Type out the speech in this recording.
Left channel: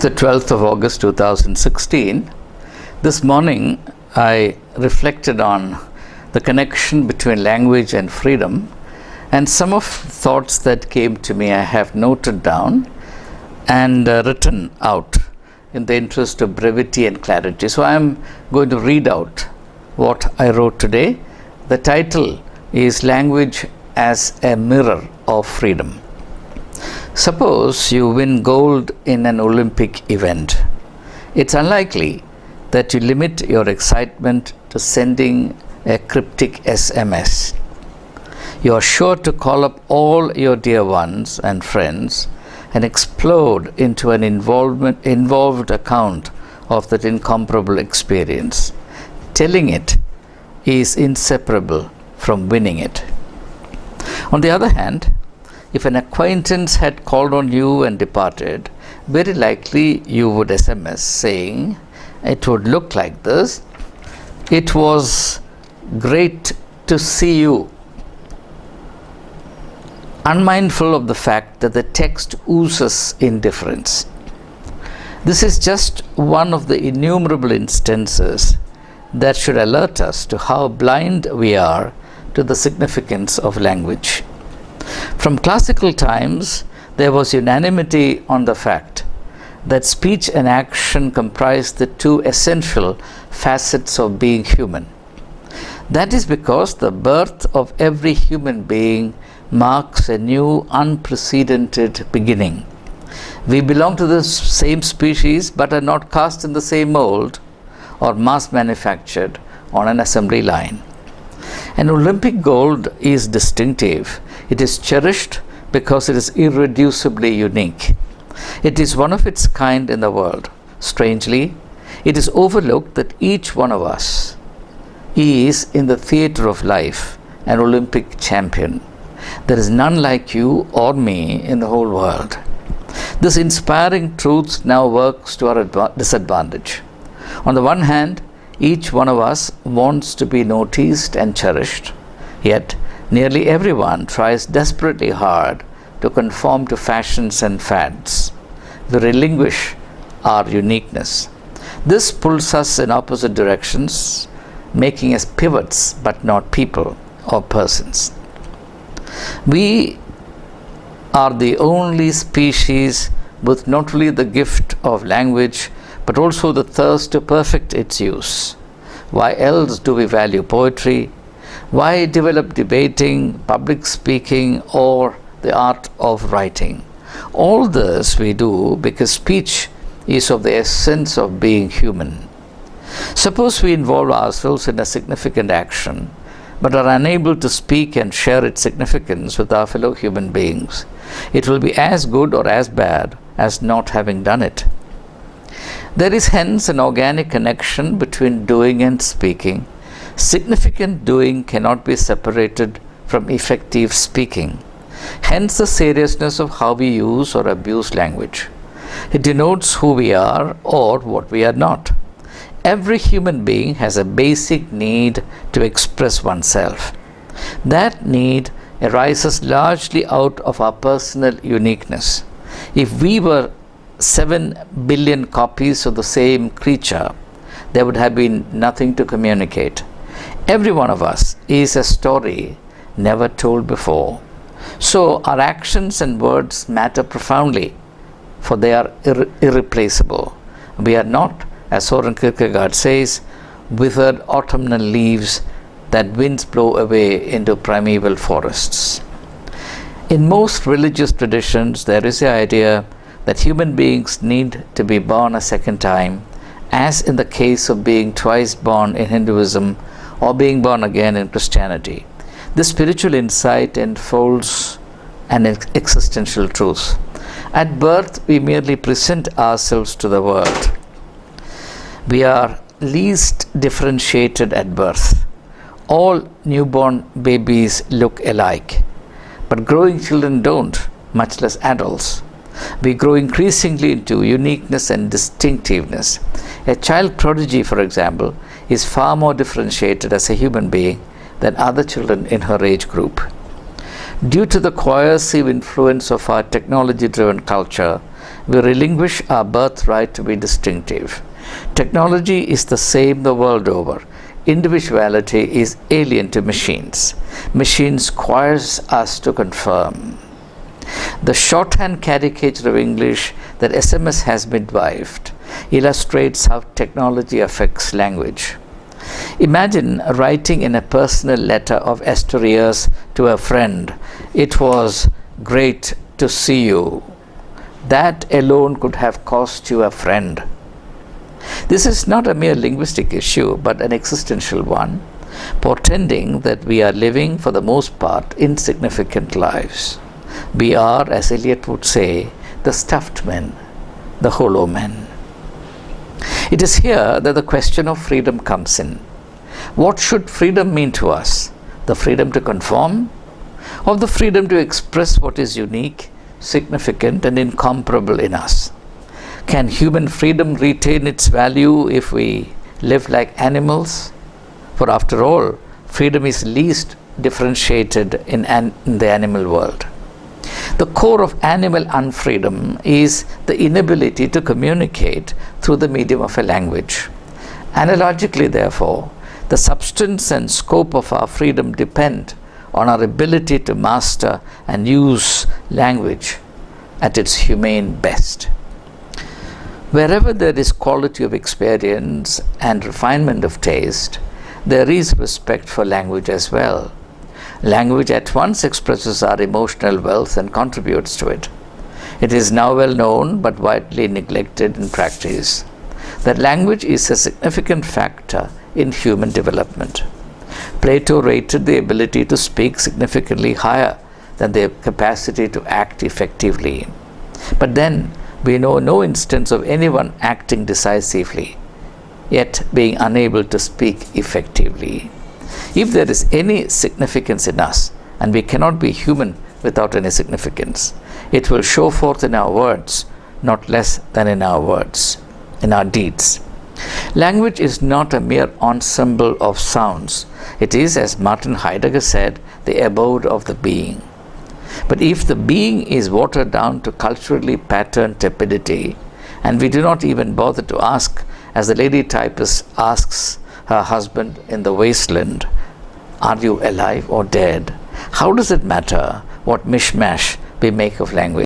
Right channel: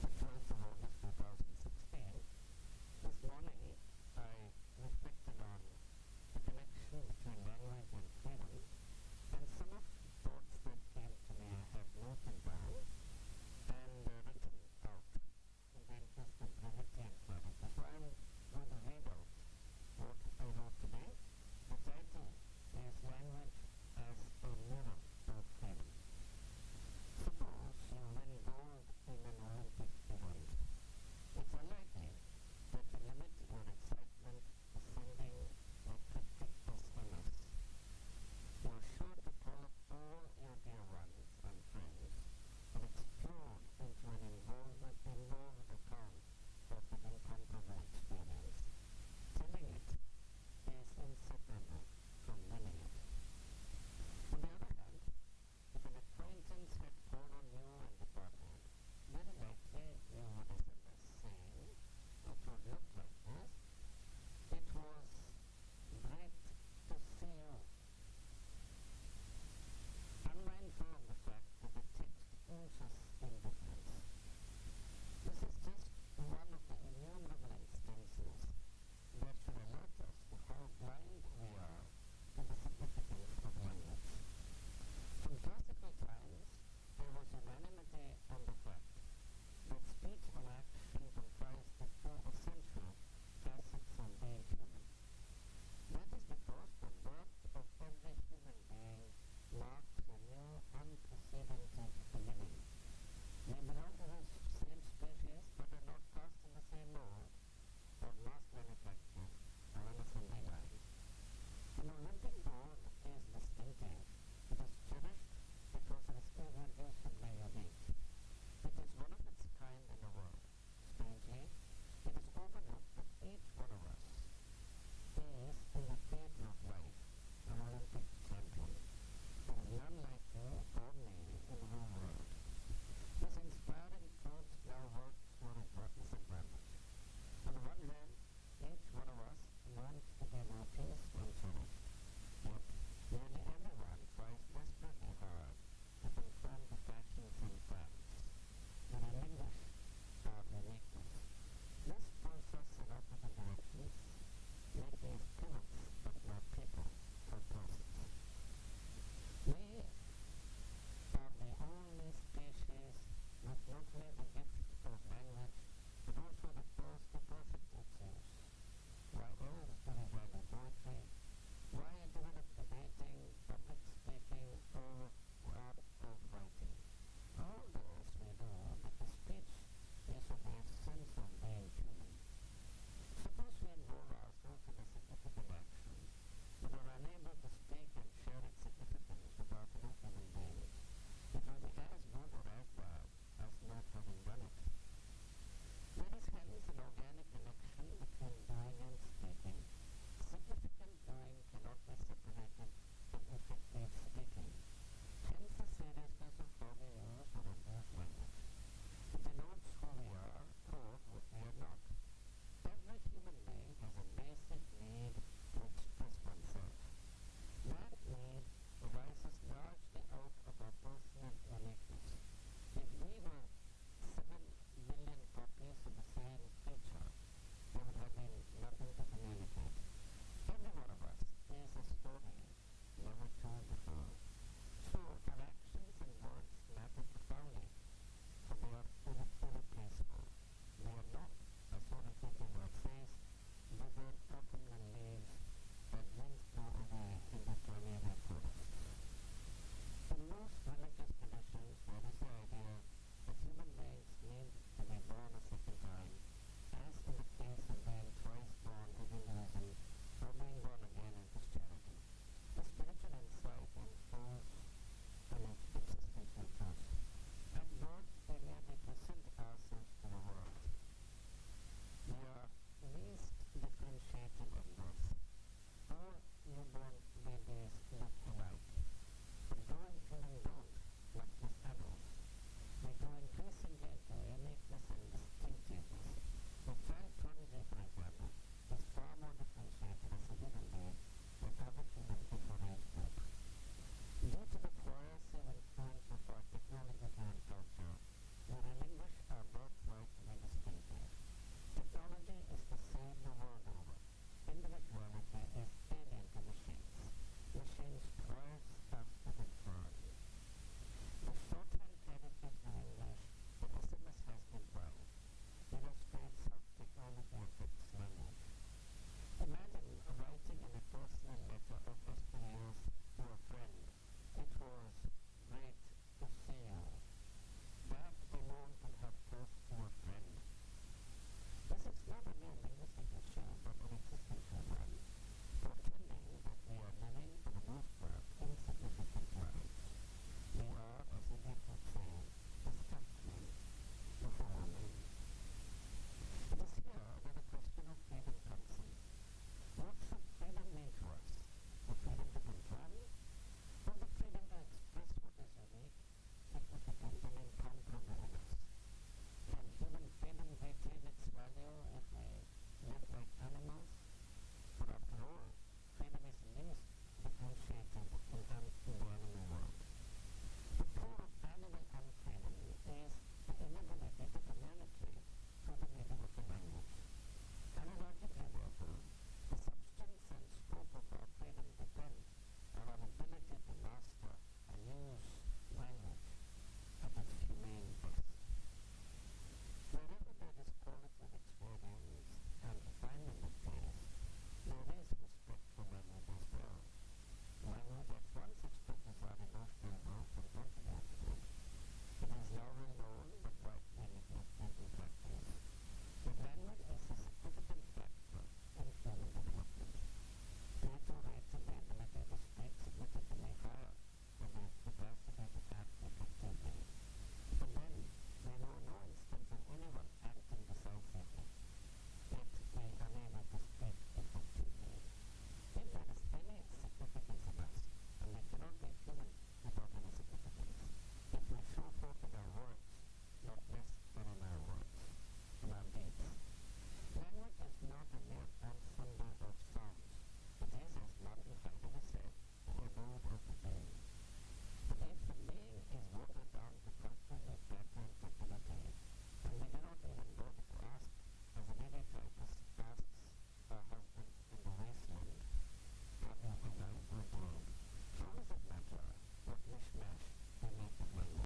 The 12th of August 2016. This morning I reflected on the connection between language and freedom, and some of the thoughts that came to me I have noted down and written out in the interest of brevity and clarity. So I am going to read out what I wrote today. The title is Language as a Mirror of Freedom. Suppose you win gold in an Olympic event. It's unlikely that you limit your excitement to sending a cryptic SMS. You are sure to call up all your dear ones and friends and explode into an involved account of that incomparable experience. Telling it is inseparable from winning it. On the other hand, if an acquaintance had called on you and departed, very likely you would SMS saying, it would look like this: it was great to see you, unmindful of the fact that the text oozes indifference. This is just one of the innumerable instances that should alert us to how blind we are to the significance of language. From classical times, there was unanimity on the fact that speech and action comprise the two essential facets of being human. That is because the birth of every human being marks a new, unprecedented beginning. We belong to the same species but are not cast in the same mold or mass manufactured on an assembly line. An Olympic gold is distinctive. It is cherished because it is irreducibly unique. It is one of its kind in the world. Strangely, it is overlooked that each one of us is, in the theatre of life, an Olympic champion. There is none like you or me in the whole world. This inspiring truth now works to our disadvantage. On the one hand, each one of us wants to be noticed and cherished, yet nearly everyone tries desperately hard to conform to fashions and fads. We relinquish our uniqueness. This pulls us in opposite directions, making us pivots but not people or persons. We are the only species with not only the gift of language but also the thirst to perfect its use. Why else do we value poetry? Why develop debating, public speaking, or the art of writing? All this we do because speech is of the essence of being human. Suppose we involve ourselves in a significant action, but are unable to speak and share its significance with our fellow human beings. It will be as good or as bad as not having done it. There is hence an organic connection between doing and speaking. Significant doing cannot be separated from effective speaking. Hence the seriousness of how we use or abuse language. It denotes who we are or what we are not. Every human being has a basic need to express oneself. That need arises largely out of our personal uniqueness. If we were 7 billion copies of the same creature, there would have been nothing to communicate. Every one of us is a story never told before. So our actions and words matter profoundly, for they are irreplaceable. We are not, as Soren Kierkegaard says, withered autumnal leaves that winds blow away into primeval forests. In most religious traditions, there is the idea that human beings need to be born a second time, as in the case of being twice born in Hinduism or being born again in Christianity. This spiritual insight enfolds an existential truth. At birth, we merely present ourselves to the world. We are least differentiated at birth. All newborn babies look alike, but growing children don't, much less adults. We grow increasingly into uniqueness and distinctiveness. A child prodigy, for example, is far more differentiated as a human being than other children in her age group. Due to the coercive influence of our technology-driven culture, we relinquish our birthright to be distinctive. Technology is the same the world over. Individuality is alien to machines. Machines requires us to conform. The shorthand caricature of English that SMS has midwifed illustrates how technology affects language. Imagine writing in a personal letter of yesteryears to a friend, "It was great to see you." That alone could have cost you a friend. This is not a mere linguistic issue, but an existential one, portending that we are living, for the most part, insignificant lives. We are, as Eliot would say, the stuffed men, the hollow men. It is here that the question of freedom comes in. What should freedom mean to us? The freedom to conform, or the freedom to express what is unique, significant, and incomparable in us? Can human freedom retain its value if we live like animals? For after all, freedom is least differentiated in the animal world. The core of animal unfreedom is the inability to communicate through the medium of a language. Analogically, therefore, the substance and scope of our freedom depend on our ability to master and use language at its humane best. Wherever there is quality of experience and refinement of taste, there is respect for language as well. Language at once expresses our emotional wealth and contributes to it. It is now well known, but widely neglected in practice, that language is a significant factor in human development. Plato rated the ability to speak significantly higher than the capacity to act effectively. But then, we know no instance of anyone acting decisively, yet being unable to speak effectively. If there is any significance in us, and we cannot be human without any significance, it will show forth in our words, not less than in our deeds. Language is not a mere ensemble of sounds. It is, as Martin Heidegger said, the abode of the being. But if the being is watered down to culturally patterned tepidity, and we do not even bother to ask, as the lady typist asks her husband in The Wasteland, "Are you alive or dead?" how does it matter what mishmash we make of language?